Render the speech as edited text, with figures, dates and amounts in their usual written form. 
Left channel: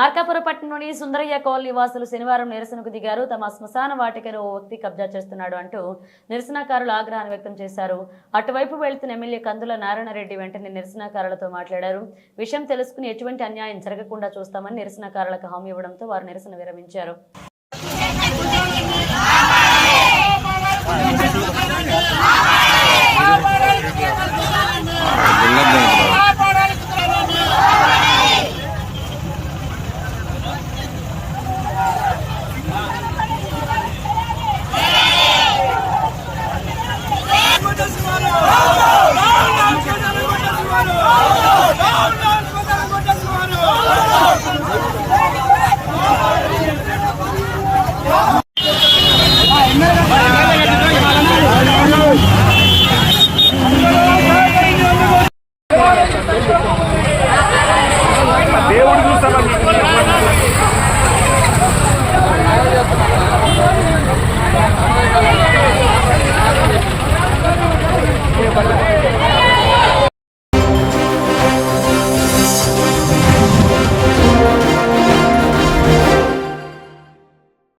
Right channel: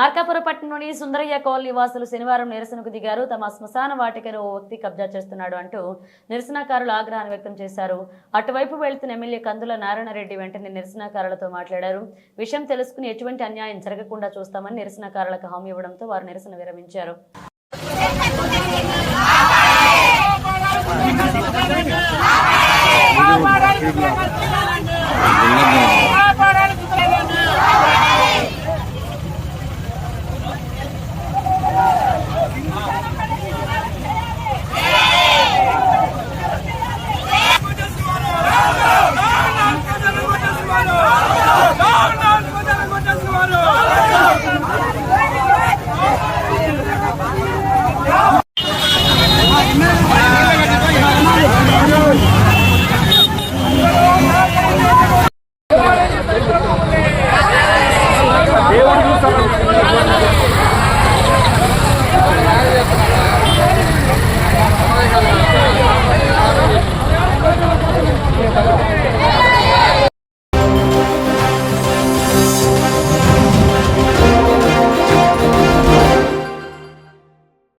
మార్కాపురం పట్టణంలోని సుందరయ్య కాలనీ వాసులు శనివారం నిరసనకు దిగారు. తమ శ్మశాన వాటికను ఓ వ్యక్తి కబ్జా చేస్తున్నాడు అంటూ నిరసనకారులు ఆగ్రహాన్ని వ్యక్తం చేశారు. అటువైపు వెళ్తున్న ఎమ్మెల్యే కందుల నారాయణరెడ్డి వెంటనే నిరసనకారులతో మాట్లాడారు. విషయం తెలుసుకుని ఎటువంటి అన్యాయం జరగకుండా చూస్తామని నిరసనకారులకు హామీ ఇవ్వడంతో వారు నిరసన విరమించారు.